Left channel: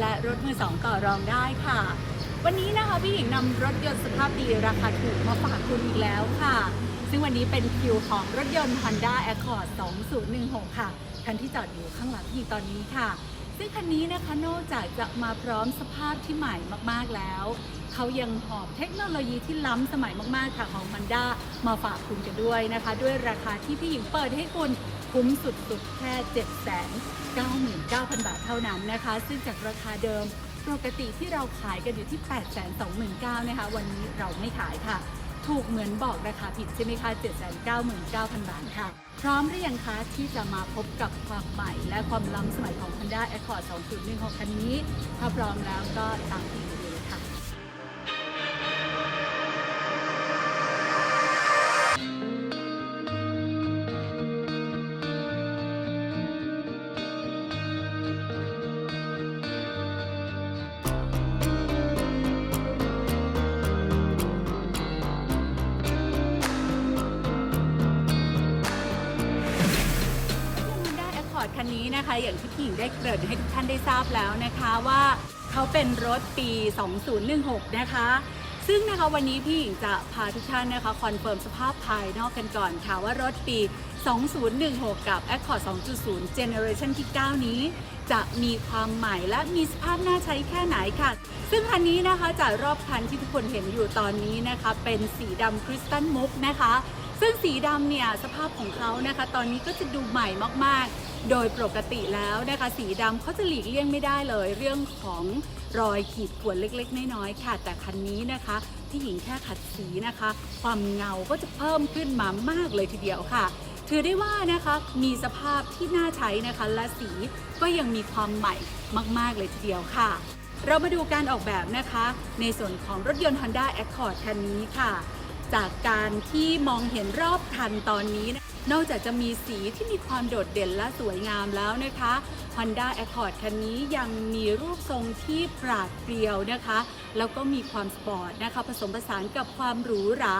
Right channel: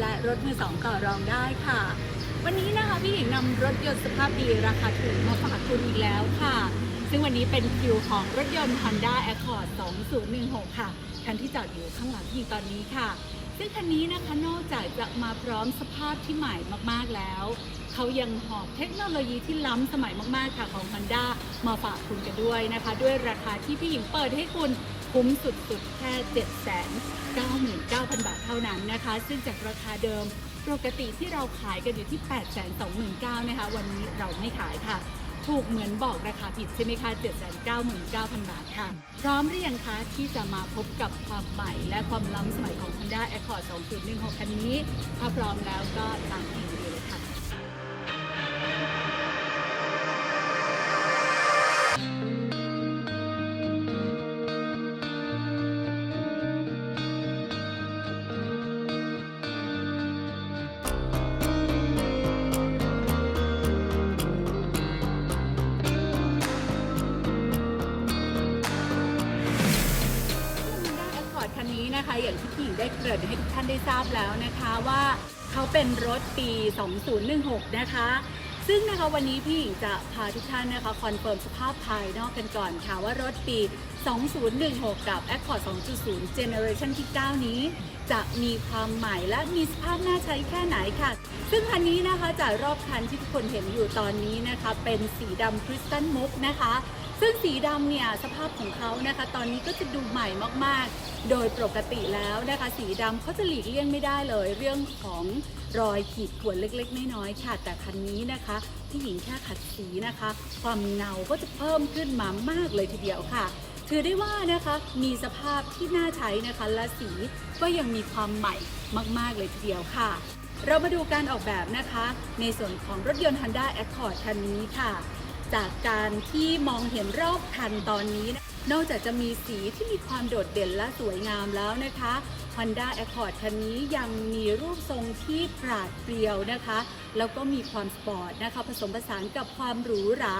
และรถมือสองต่อรองได้ค่ะ วันนี้นะคะพี่หญิงนำรถยนต์สภาพดีราคาถูกมาฝากคุณอีกแล้วค่ะ ซึ่งวันนี้เป็นคิวของรถยนต์ Honda Accord 2016 ค่ะ คันที่จอดอยู่ข้างหลังพี่ตอนนี้ค่ะ ซึ่งคันนี้นะคะนอกจากจะมาพร้อมสภาพที่ใหม่มากๆแล้วเขายังหอบเทคโนโลยีที่ล้ำสมัยมากๆค่ะของ Honda มาฝากคุณกันด้วยนะคะ ด้วยราคาที่พี่หญิงเปิดให้คุณ คุ้มสุดๆ แค่ 799,000 บาทเท่านั้นนะคะ ซึ่งจากราคาเดิมปกติที่เราขายกันอยู่ที่ 829,000นะคะ วันนี้เราไม่ขายค่ะ ถูกเหมือนบอกราคาผิดใช่ไหมคะ799,000 บาทค่ะ พร้อมหรือยังคะที่จะมาพบกับความใหม่และความล้ำสมัยของ Honda Accord 2.16 คันนี้ ถ้าพร้อมแล้วก็ตามพี่หญิง คันนี้นะคะ อย่างที่พี่หญิงได้เกริ่นให้ทุกท่านได้ทราบแล้วนะคะว่าเขาเป็นรถปี 2016 นะคะ ซึ่งนะคะวันนี้พี่หญิงจะพาทุกท่านนะคะคอนเฟิร์มสภาพภายนอกกันก่อนค่ะว่ารถปี 2016 กับ Accord 2.0 Generation ที่ 9 นี้จะมีความใหม่และมีสภาพน่าใช้แค่ไหนค่ะ ซึ่งคันนี้นะคะจากรอบคันที่ทุกคนเห็นอยู่ตอนนี้นะคะ เป็นสีดำคริสตัลมุกนะคะ ซึ่งสีดำเนี่ยสภาพของเขานะคะ ตอนนี้ก็จะดูใหม่มากๆ โดยปกติแล้วนะคะ สีดำเขาจะหลีกเลี่ยงไม่ได้เลย เรื่องของรอยขีดข่วนเล็กๆ น้อยๆค่ะ แต่คันนี้นะคะที่หญิงแค่ขัดสีนะคะ ความเงาก็จะเพิ่มขึ้นมามากเลยทีเดียวค่ะ ถือได้ว่านะคะมีสภาพที่น่าใช้นะคะ และสีก็ยังมีความใหม่มากๆเลยทีเดียวค่ะ เรามาดูการออกแบบนะคะ ในส่วนของรถยนต์ Honda Accord คันนี้ค่ะ จากการที่มองเห็นรอบคันตอนนี้ นอกจากจะมีสีที่มีความโดดเด่นและสวยงามแล้วนะคะ Honda Accord คันนี้ยังมีรูปทรงที่ปราดเปรียวนะคะ แล้วก็มีความสปอร์ตนะคะ ผสมผสานกับความหรูหรา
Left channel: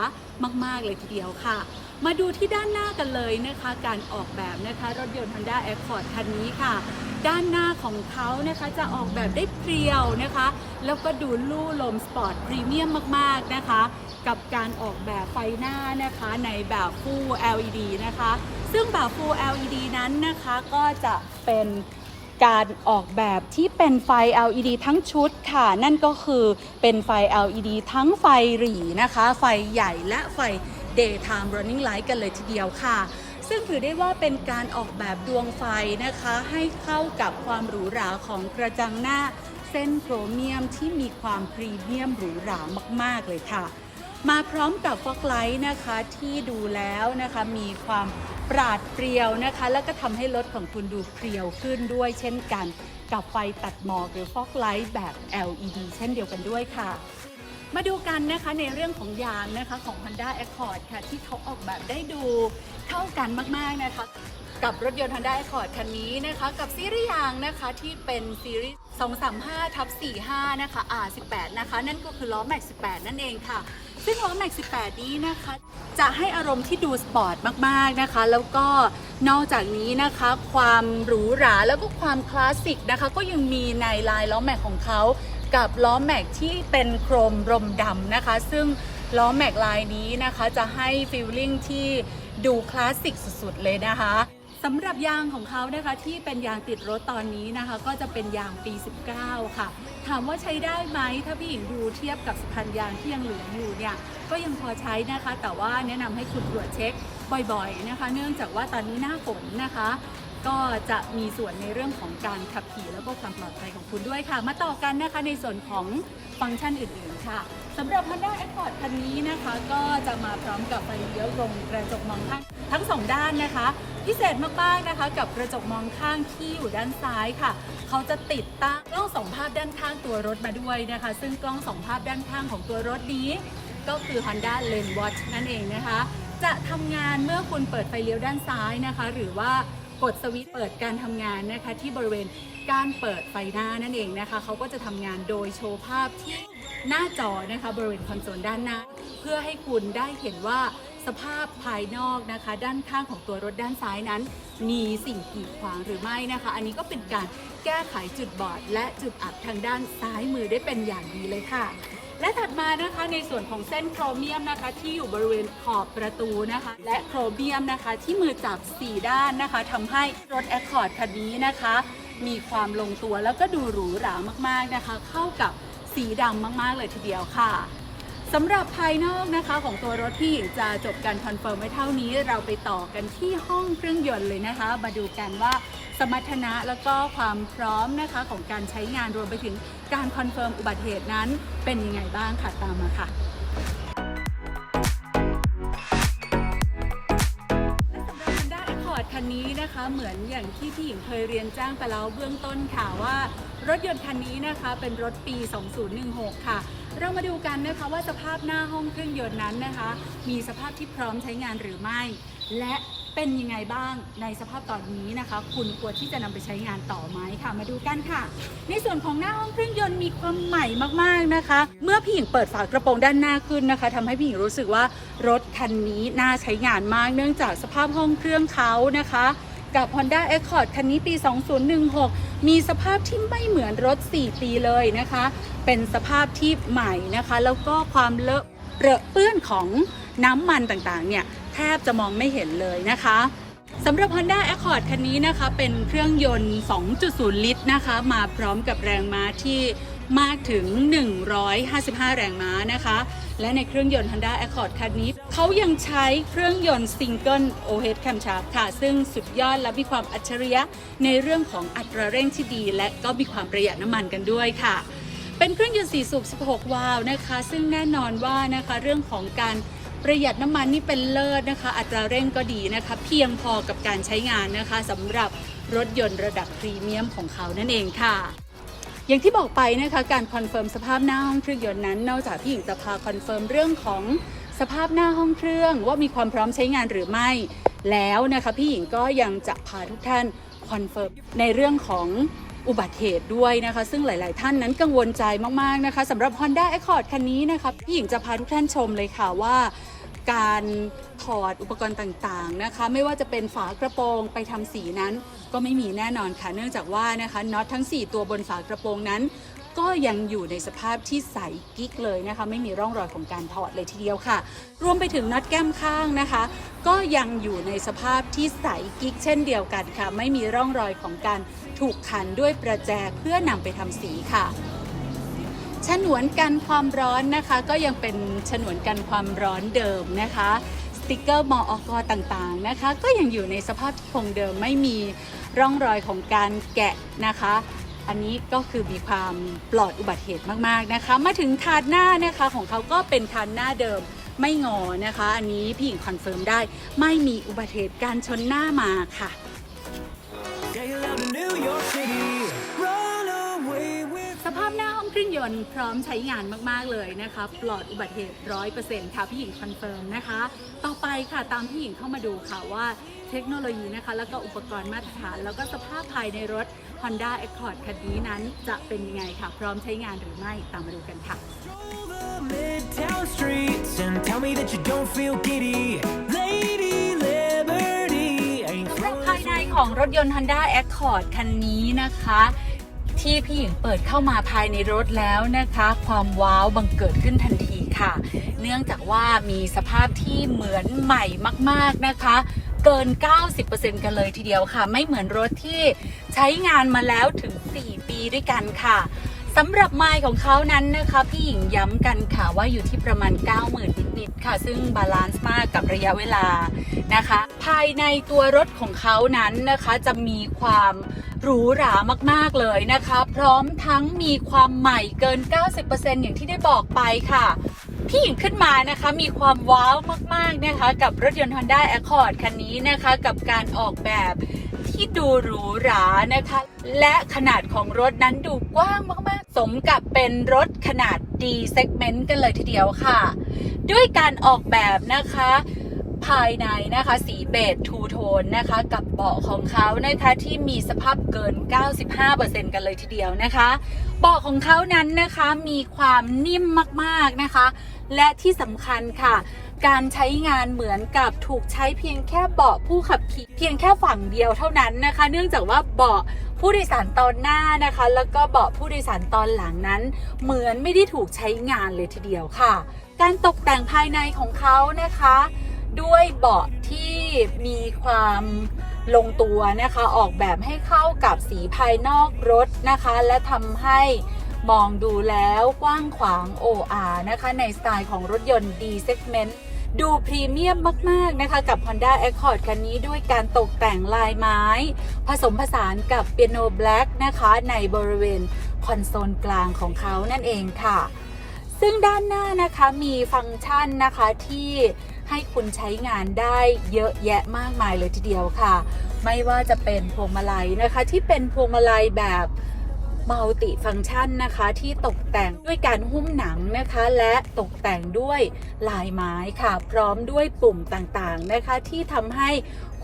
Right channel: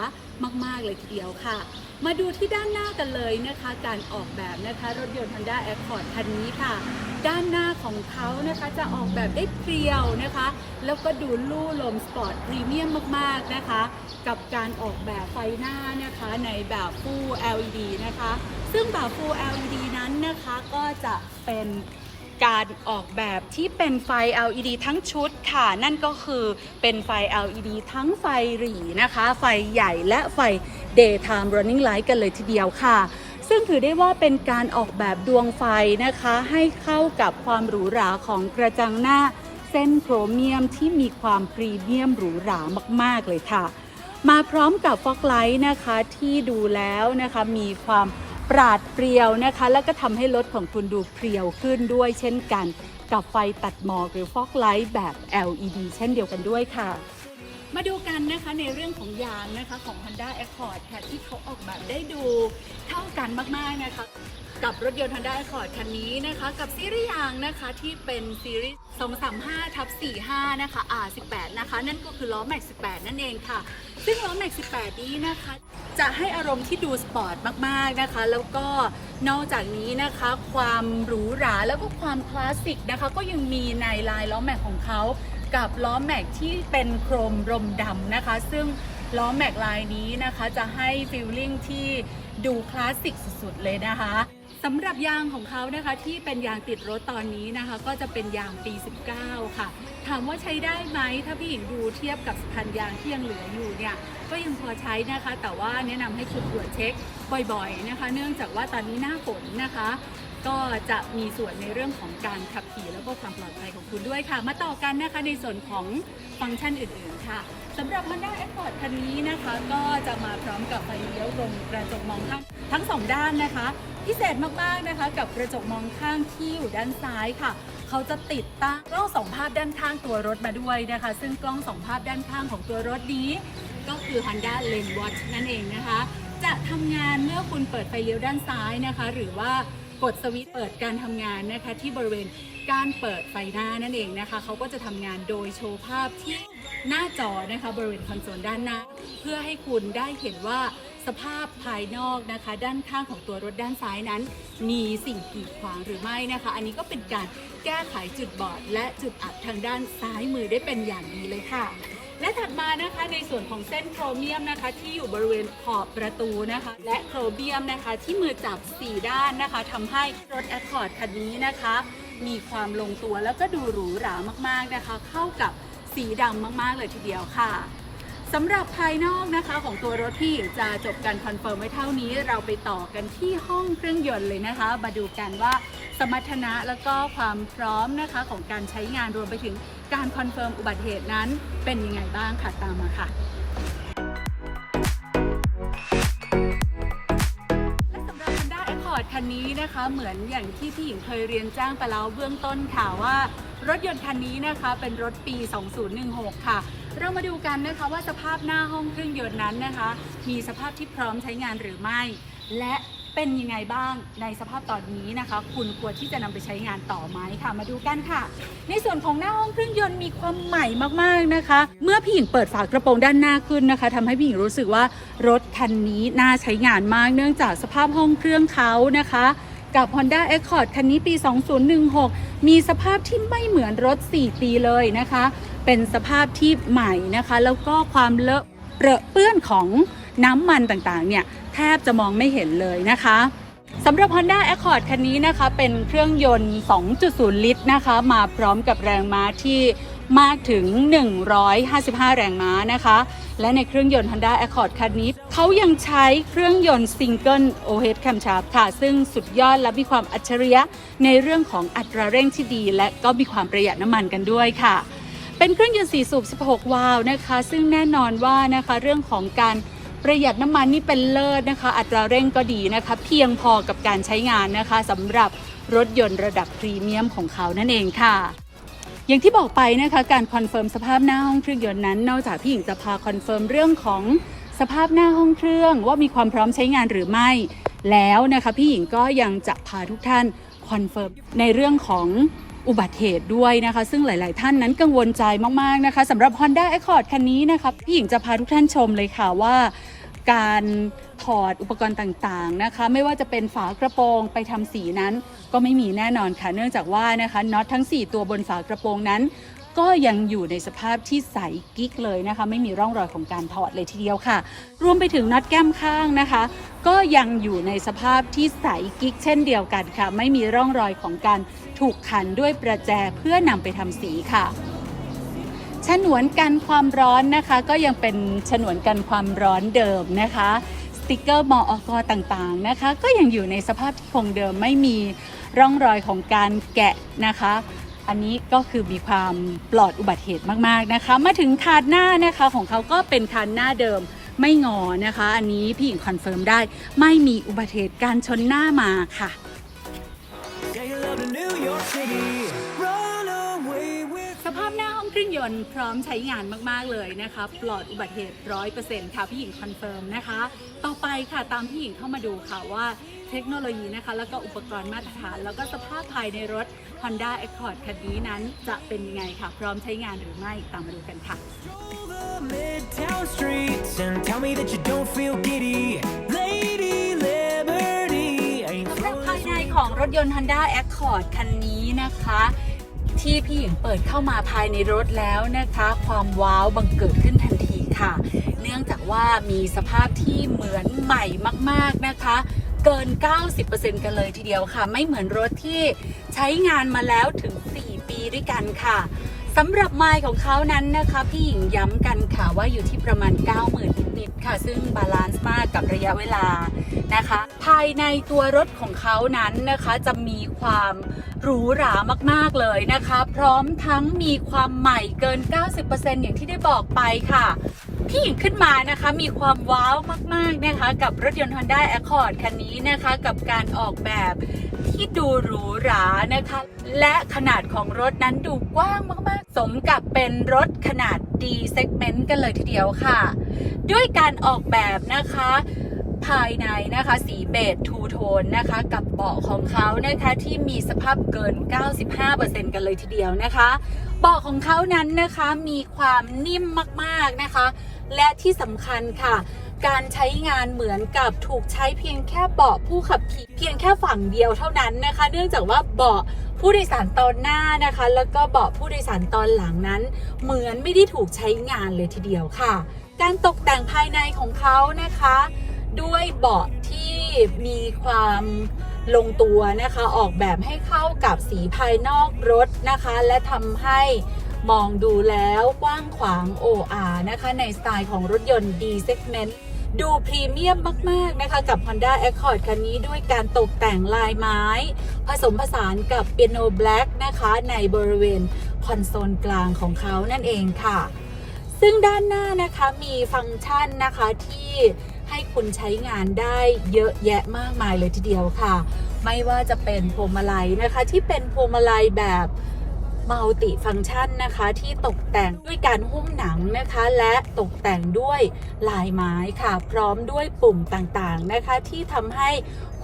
มาก ๆ เลยทีเดียวค่ะ มาดูที่ด้านหน้ากันเลยนะคะ การออกแบบนะคะ รถยนต์ Honda Accord คันนี้ค่ะ ด้านหน้าของเขานะคะจะออกแบบได้เพรียวนะคะ แล้วก็ดูลู่ลมสปอร์ตพรีเมียมมากๆนะคะ กับการออกแบบไฟหน้านะคะในแบบ Full LED นะคะ ซึ่งแบบ Full LED นั้นนะคะก็จะเป็นการออกแบบที่เป็นไฟ LED ทั้งชุดค่ะ นั่นก็คือเป็นไฟ LED ทั้งไฟหรี่นะคะ ไฟใหญ่และไฟ Daytime Running Light กันเลยทีเดียวค่ะ ซึ่งถือได้ว่าเป็นการออกแบบดวงไฟนะคะ ให้เข้ากับความหรูหราของกระจังหน้าเส้นโครเมียมที่มีความพรีเมียมหรูหรามาก ๆ เลยค่ะ มาพร้อมกับฟอกไลท์นะคะที่ดูแล้วนะคะมีความปราดเปรียวนะคะ แล้วก็ทำให้รถของคุณดูเพรียวขึ้นด้วยเช่นกัน กับไฟตัดหมอกหรือฟอกไลท์แบบ LED เช่นเดียวกันด้วยค่ะ มาดูกันนะคะในเรื่องของยางนะคะของ Honda Accord ค่ะที่เขาออกแบบได้ดูเข้ากันมากๆนะคะกับรถยนต์ Honda Accord คันนี้นะคะกับซีรีส์ยางนะคะที่เป็นซีรีส์235ทับ45นะคะ R18 นะคะนั่นก็คือล้อแม็ก18 นั่นเองค่ะ ซึ่งล้อแม็ก18 นี้นะคะ จะให้อารมณ์ที่ดูสปอร์ตมากๆนะคะ แล้วก็นอกจากนี้นะคะความหรูหราแล้วก็ความคลาสสิกนะคะ ก็ยังมีในลายล้อแม็กของเขา กับล้อแม็กที่เป็นโครมรมดำนะคะ ซึ่งล้อแม็กลายนี้นะคะ จะให้ฟีลลิ่งที่ดูคลาสสิกสุดๆ เลยนะคะสำหรับยางของเขานะคะที่เป็นยางติดรถตอนนี้นะคะ ก็จะเป็นยางปี 19 ค่ะ ถามว่าใช้ได้ไหมถ้าพี่หญิงดูเทียบกับพันยางที่ยังเหลืออยู่เนี่ยก็ยังพอใช้นะคะ แต่ว่าแนะนำให้คุณตรวจเช็คบ่อยๆนะคะ เนื่องจากว่าตอนนี้หน้าฝนนะคะ ก็จะมีส่วนในเรื่องของการขับขี่แล้วก็ความปลอดภัยของคุณด้วยค่ะ มาต่อกันนะคะในส่วนของฟังก์ชันอื่นๆค่ะสำหรับ Honda Accord คันนี้นะคะก็จะมาพร้อมกับไฟเลี้ยวตรงกระจกมองข้างทั้งสองด้านนะคะ พิเศษมากๆนะคะกับกระจกมองข้างที่อยู่ด้านซ้ายค่ะเขาจะติดตั้งกล้องสองภาพด้านข้างตัวรถมาด้วยนะคะ ซึ่งกล้องสองภาพด้านข้างของตัวรถนี้ก็คือ Honda Lane Watch นั่นเองนะคะ จะทำงานเมื่อคุณเปิดไฟเลี้ยวด้านซ้ายนะคะ หรือว่า กดสวิตช์เปิดการทำงานนะคะที่บริเวณการเปิดไฟหน้านั่นเองนะคะเขาก็จะทำงานโดยโชว์ภาพที่หน้าจอนะคะบริเวณคอนโซลด้านหน้า เพื่อให้คุณได้เห็นว่า สภาพภายนอกนะคะ ด้านข้างของตัวรถด้านซ้ายนั้น มีสิ่งกีดขวางหรือไม่นะคะ อันนี้ก็เป็นการแก้ไขจุดบอด และจุดอับทางด้านซ้ายมือได้เป็นอย่างดีเลยค่ะ และถัดมานะคะในส่วนของเส้นโครเมียมนะคะ ที่อยู่บริเวณขอบประตูนะคะ และโครเมียมนะคะ ที่มือจับ 4 ด้านนะคะทำให้รถ Accord คันนี้นะคะ มีความลงตัวแล้วก็ดูหรูหรามากๆนะคะ เข้ากับสีดำมากๆเลยทีเดียวค่ะ สำหรับภายนอกนะคะของตัวรถที่จะจบการคอนเฟิร์มไว้เท่านี้ เราไปต่อกันที่ห้องเครื่องยนต์เลยนะคะ มาดูกันว่าสมรรถนะแล้วก็ความพร้อมนะคะของการใช้งานรวมไปถึงการคอนเฟิร์มอุบัติเหตุนั้น เป็นยังไงบ้างค่ะตามมาค่ะและสำหรับ Honda Accord คันนี้นะคะเหมือนอย่างที่พี่หญิงเคยเรียนแจ้งไปแล้วเบื้องต้นค่ะว่า รถยนต์คันนี้นะคะเป็นรถปี 2016 ค่ะ เรามาดูกันนะคะว่าสภาพหน้าห้องเครื่องยนต์นั้นนะคะ มีสภาพที่พร้อมใช้งานหรือไม่ และเป็นยังไงบ้างในสภาพตอนนี้นะคะ คุณควรที่จะนำไปใช้งานต่อไหมค่ะ มาดูกันค่ะ ในส่วนของหน้าห้องเครื่องยนต์มีความใหม่มากๆนะคะ เมื่อพี่หญิงเปิดฝากระโปรงด้านหน้าขึ้นนะคะทำให้พี่หญิงรู้สึกว่ารถคันนี้น่าใช้งานมาก เนื่องจากสภาพห้องเครื่องเขานะคะ กับ Honda Accord คันนี้ปี 2016 มีสภาพที่ไม่เหมือนรถ 4 ปีเลยนะคะ เป็นสภาพที่ใหม่นะคะ แล้วก็ความเลอะเปรอะเปื้อนของน้ำมันต่างๆ เนี่ย แทบจะมองไม่เห็นเลยนะคะสำหรับ Honda Accord คันนี้นะคะ เป็นเครื่องยนต์ 2.0 ลิตรนะคะ มาพร้อมกับแรงม้าที่มากถึง 155 แรงม้านะคะ และในเครื่องยนต์ Honda Accord คันนี้ เขายังใช้เครื่องยนต์ Single OH Camshaft ค่ะ ซึ่งสุดยอดและมีความอัจฉริยะในเรื่องของอัตราเร่งที่ดี และก็มีความประหยัดน้ำมันกันด้วยค่ะ เป็นเครื่องยนต์4สูบ 16 วาล์วนะคะ ซึ่งแน่นอนว่านะคะเรื่องของการประหยัดน้ำมันนี่เป็นเลิศนะคะ อัตราเร่งก็ดีนะคะ เพียงพอกับการใช้งานนะคะสำหรับรถยนต์ระดับพรีเมียมของเขานั่นเองค่ะ อย่างที่บอกไปนะคะการคอนเฟิร์มสภาพหน้าห้องเครื่องยนต์นั้น นอกจากพี่หญิงจะพาคอนเฟิร์มเรื่องของสภาพหน้าห้องเครื่องว่ามีความพร้อมใช้งานหรือไม่ แล้วนะคะพี่หญิงก็ยังจะพาทุกท่านคอนเฟิร์มในเรื่องของอุบัติเหตุด้วยนะคะ ซึ่งหลาย ๆ ท่านนั้นกังวลใจมาก ๆ นะคะสำหรับ Honda Accord คันนี้นะคะพี่หญิงจะพาทุกท่านชมเลยค่ะว่า การถอดอุปกรณ์ต่างๆนะคะ ไม่ว่าจะเป็นฝากระโปรงไปทำสีนั้น ก็ไม่มีแน่นอนค่ะ เนื่องจากว่านะคะน็อตทั้ง 4 ตัวบนฝากระโปรงนั้น ก็ยังอยู่ในสภาพที่ใสกิ๊กเลยนะคะ ไม่มีร่องรอยของการถอดเลยทีเดียวค่ะ รวมไปถึงน็อตแก้มข้างนะคะ ก็ยังอยู่ในสภาพที่ใสกิ๊กเช่นเดียวกันค่ะ ไม่มีร่องรอยของการถูกขันด้วยประแจเพื่อนำไปทำสีค่ะ ฉนวนกันความร้อนนะคะ ก็ยังเป็นฉนวนกันความร้อนเดิมนะคะสติกเกอร์มออกต่างๆนะคะ ก็ยังอยู่ในสภาพที่คงเดิมไม่มีร่องรอยของการแกะนะคะ อันนี้ก็คือมีความปลอดอุบัติเหตุมากๆนะคะ มาถึงคานหน้านะคะของเขาก็เป็นคานหน้าเดิมไม่งอนะคะ อันนี้พี่หญิงคอนเฟิร์มได้ ไม่มีอุบัติเหตุการชนหน้ามาค่ะ สภาพหน้าห้องเครื่องยนต์พร้อมใช้งานมาก ๆ เลยนะคะ ปลอดอุบัติเหตุร้อยเปอร์เซ็นต์ค่ะพี่หญิงคอนเฟิร์มนะคะ ต่อไปค่ะตามพี่หญิงเข้ามาดูค่ะว่าเทคโนโลยีนะคะ แล้วก็อุปกรณ์มาตรฐาน แล้วก็สภาพภายในรถ Honda Accord คันนี้นั้นจะเป็นยังไงค่ะ พร้อมใช้งานหรือไม่ตามมาดูกันค่ะ stroll the midtown streets and tell me that you don't feel giddy. Lady Liberty ain't ภา throwing ย this ใน week. ของรถยนต์ Honda Accord คันนี้นะคะ ที่พี่หญิงเปิดเข้ามาภายในรถแล้วนะคะ ความว้าวบังเกิดขึ้นทันทีค่ะ เนื่องจากว่ามีสภาพที่เหมือนใหม่มาก ๆนะคะเกิน 90%กันเลยทีเดียวค่ะ ไม่เหมือนรถที่ใช้งานมาแล้วถึง 4 ปีด้วยกันค่ะสำหรับไมล์ของเขานั้นนะคะ พี่หญิงย้ำกันค่ะว่าอยู่ที่ประมาณ 90,000นิดๆค่ะ ซึ่งบาลานซ์มากกับระยะเวลานะคะายในตัวรถของเขานั้นนะคะ จะมีความหรูหรามากๆเลยนะคะ พร้อมทั้งมีความใหม่เกิน 90%อย่างที่ได้บอกไปค่ะพี่หญิงขึ้นมานะคะมีความว้าวมากๆนะคะกับรถยนต์ Honda Accord คันนี้นะคะกับการออกแบบที่ดูหรูหรานะคะ และขนาดของรถนั้นดูกว้างมากๆ สมกับเป็นรถขนาด D segment กันเลยทีเดียวค่ะ ด้วยการออกแบบนะคะ ภายในนะคะสีเบจทูโทนนะคะกับเบาะของเขานะคะที่มีสภาพเกิน 95%กันเลยทีเดียวนะคะเบาะของเขานั้นนะคะมีความนิ่มมากๆนะคะ และที่สำคัญค่ะ การใช้งานเหมือนกับถูกใช้เพียงแค่เบาะผู้ขับขี่เพียงแค่ฝั่งเดียวเท่านั้นนะคะ เนื่องจากว่าเบาะผู้โดยสารตอนหน้านะคะ แล้วก็เบาะผู้โดยสารตอนหลังนั้น เหมือนไม่ได้ถูกใช้งานเลยทีเดียวค่ะ การตกแต่งภายในของเขานะคะ ด้วยเบาะที่มีความลงตัวนะคะ ออกแบบให้เข้ากับสีภายนอกรถนะคะ และทำให้มองดูแล้วกว้างขวาง OR นะคะ ในสไตล์ของรถยนต์ D segment ดูพรีเมียมมาก ๆ นะคะ กับ Honda Accord คันนี้ด้วยการตกแต่งลายไม้ ผสมผสานกับเปียโนแบล็กนะคะ ในบริเวณคอนโซลกลางของเขานั่นเองค่ะ ซึ่งด้านหน้านะคะมีฟังก์ชันนะคะที่ ให้คุณใช้งานได้เยอะแยะมากมายเลยทีเดียวค่ะ ไม่ว่าจะเป็นพวงมาลัยนะคะ ที่เป็นพวงมาลัยแบบมัลติฟังก์ชันนะคะที่ตกแต่งด้วยการหุ้มหนังนะคะ และตกแต่งด้วยลายไม้ค่ะ พร้อมด้วยปุ่มต่างๆนะคะ ที่ทำให้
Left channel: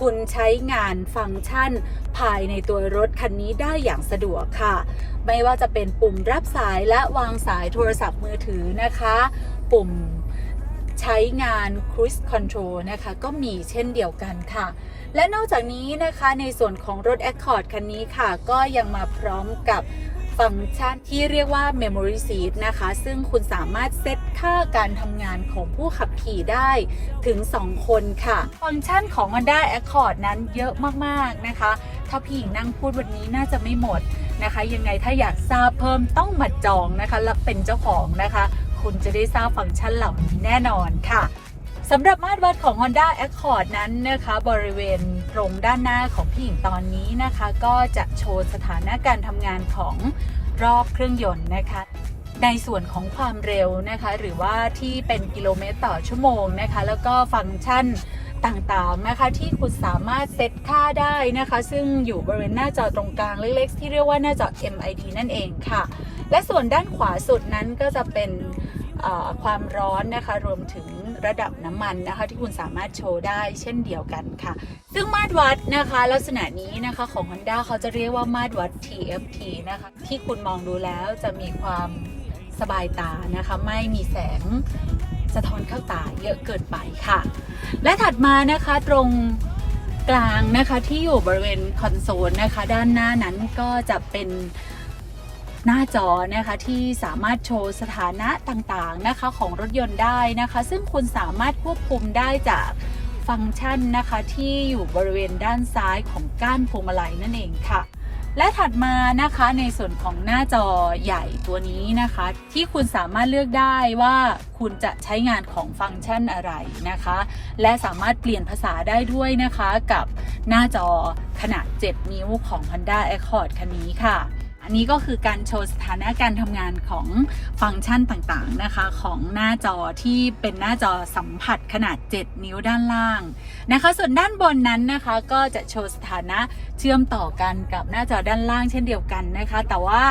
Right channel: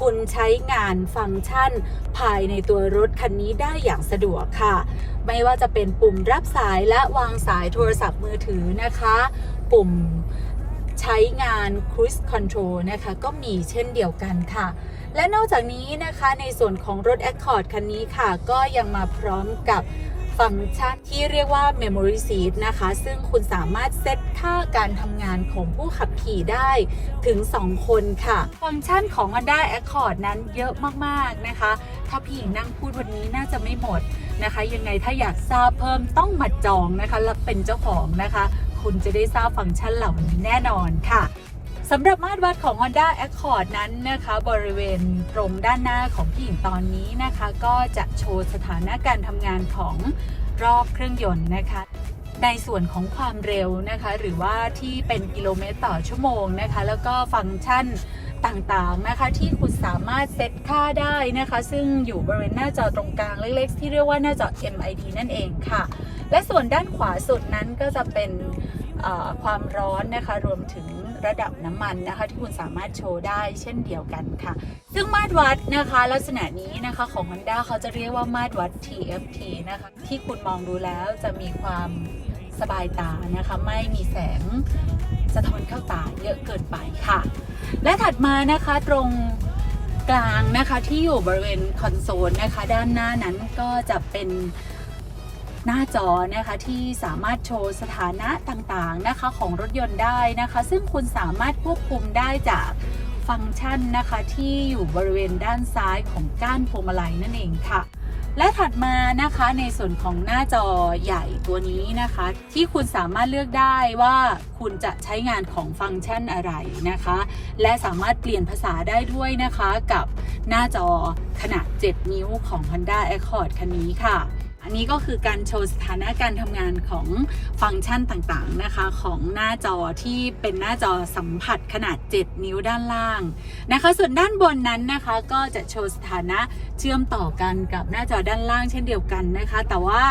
คุณใช้งานฟังก์ชัน ภายในตัวรถคันนี้ได้อย่างสะดวกค่ะ ไม่ว่าจะเป็นปุ่มรับสายและวางสายโทรศัพท์มือถือนะคะ ปุ่ม ใช้งาน Cruise Control นะคะ ก็มีเช่นเดียวกันค่ะ และนอกจากนี้นะคะในส่วนของรถ Accord คันนี้ค่ะ ก็ยังมาพร้อมกับฟังก์ชันที่เรียกว่า Memory Seat นะคะ ซึ่งคุณสามารถเซตค่าการทำงานของผู้ขับขี่ได้ถึง 2 คนค่ะ ฟังก์ชันของ Honda Accord นั้นเยอะมาก ๆ นะคะ ถ้าพี่หญิงนั่งพูดวันนี้น่าจะไม่หมดนะคะ ยังไงถ้าอยากทราบเพิ่มต้องมาจองนะคะ และเป็นเจ้าของนะคะ ณจะได้ทราบฟังก์ชันเหล่านี้แน่นอนค่ะสำหรับมาตรวัดของ Honda Accord นั้นนะคะบริเวณตรงด้านหน้าของพี่หญิงตอนนี้นะคะ ก็จะโชว์สถานะการทำงานของรอบเครื่องยนต์นะคะ ในส่วนของความเร็วนะคะ หรือว่าที่เป็นกิโลเมตรต่อชั่วโมงนะคะ แล้วก็ฟังก์ชันต่างๆนะคะที่คุณสามารถเซตค่าได้นะคะ ซึ่งอยู่บริเวณหน้าจอตรงกลางเล็กๆที่เรียกว่าหน้าจอ MID นั่นเองค่ะ และส่วนด้านขวาสุดนั้นก็จะเป็นเอ่อ ความร้อนนะคะรวมถึงระดับน้ำมันนะคะที่คุณสามารถโชว์ได้เช่นเดียวกันค่ะ ซึ่งมาตรวัดนะคะ ลักษณะนี้นะคะของ Honda เขาจะเรียกว่ามาตรวัด TFT นะคะที่คุณมองดูแล้วจะมีความสบายตานะคะไม่มีแสงสะท้อนเข้าตาเยอะเกินไปค่ะ และถัดมานะคะตรงกลางนะคะที่อยู่บริเวณคอนโซลนะคะ ด้านหน้านั้นก็จะเป็น หน้าจอนะคะที่สามารถโชว์สถานะต่างๆนะคะของรถยนต์ได้นะคะ ซึ่งคุณสามารถควบคุมได้จากฟังก์ชันนะคะที่อยู่บริเวณด้านซ้ายของก้านพวงมาลัยนั่นเองค่ะ และถัดมานะคะในส่วนของหน้าจอใหญ่ตัวนี้นะคะ ที่คุณสามารถเลือกได้ว่าคุณจะใช้งานของฟังก์ชันอะไรนะคะ และสามารถเปลี่ยนภาษาได้ด้วยนะคะกับหน้าจอขนาด 7 นิ้วของ Honda Accord คันนี้ค่ะ อันนี้ก็คือการโชว์สถานะการทำงานของฟังก์ชันต่างๆนะคะของหน้าจอที่เป็นหน้าจอสัมผัสขนาด 7 นิ้วด้านล่างนะคะ ส่วนด้านบนนั้นนะคะก็จะโชว์สถานะเชื่อมต่อกันกับหน้าจอด้านล่างเช่นเดียวกันนะคะ แต่ว่า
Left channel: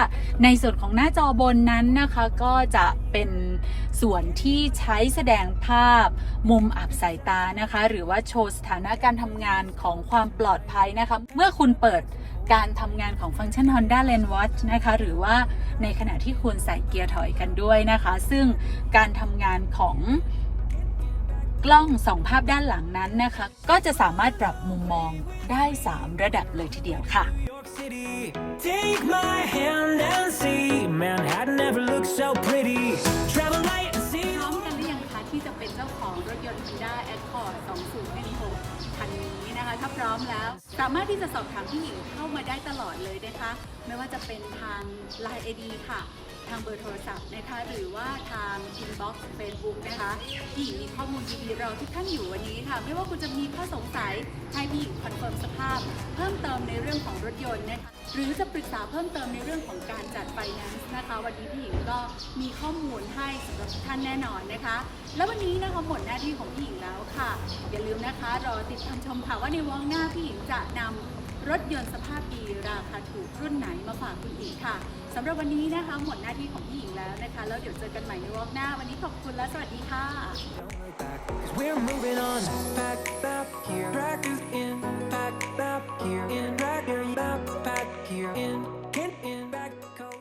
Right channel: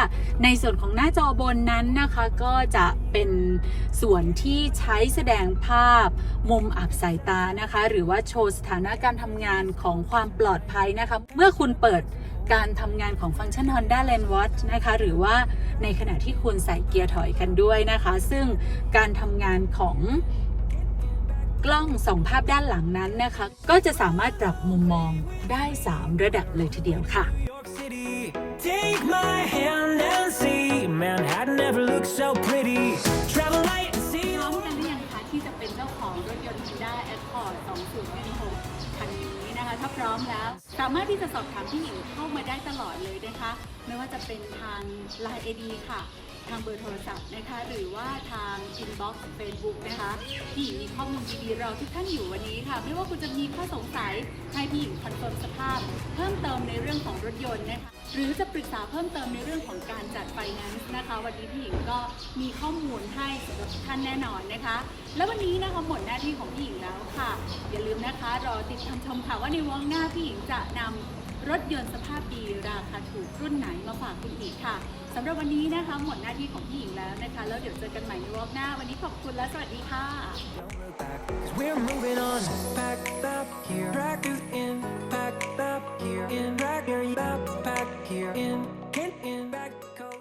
ในส่วนของหน้าจอบนนั้นนะคะก็จะเป็น ส่วนที่ใช้แสดงภาพมุมอับสายตานะคะ หรือว่าโชว์สถานะการทำงานของความปลอดภัยนะคะ เมื่อคุณเปิดการทำงานของฟังก์ชัน Honda Lane Watch นะคะ หรือว่าในขณะที่คุณใส่เกียร์ถอยกันด้วยนะคะ ซึ่งการทำงานของ กล้องส่องภาพด้านหลังนั้นนะคะ ก็จะสามารถปรับมุมมองได้ 3 ระดับเลยทีเดียวค่ะ New York City. Take my hand and see Manhattan never looked so pretty. Travel light and see พร้อมกันหรือยังคะที่จะเป็นเจ้าของรถยนต์ Honda Accord 2016คันนี้นะคะถ้าพร้อมแล้ว สามารถที่จะสอบถามพี่หญิงเข้ามาได้ตลอดเลยนะคะ ไม่ว่าจะเป็นทาง Line ID ค่ะ ทางเบอร์โทรศัพท์นะคะ หรือว่าทาง Inbox Facebook นะคะพี่หญิงมีข้อมูลดีๆเราทุกท่านอยู่วันนี้ค่ะ ไม่ว่าคุณจะมีข้อสงสัยให้พี่หญิงคอนเฟิร์มสภาพ เพิ่มเติมในเรื่องของรถยนต์นะคะ หรือจะปรึกษาเพิ่มเติมในเรื่องของการจัดไฟแนนซ์นะคะ วันนี้พี่หญิงก็มีข้อมูลให้สำหรับทุกท่านแน่นอนนะคะ แล้ววันนี้นะคะหมดหน้าที่ของพี่หญิงแล้วค่ะ อย่าลืมนะคะรอติดตามชมค่ะว่าในวงหน้าพี่หญิงจะนำรถยนต์สภาพดีราคาถูกรุ่นไหนมาฝากคุณอีกค่ะ สำหรับวันนี้นะคะ หมดหน้าที่ของพี่หญิงแล้วนะคะ แล้วเดี๋ยวเจอกันใหม่ในวงหน้า วันนี้ขอบคุณและสวัสดีค่ะ Don't look back, cause we're moving on. Pack up here, practice in, pack up here, in, back here, back, pack here, in, in, in, back coat.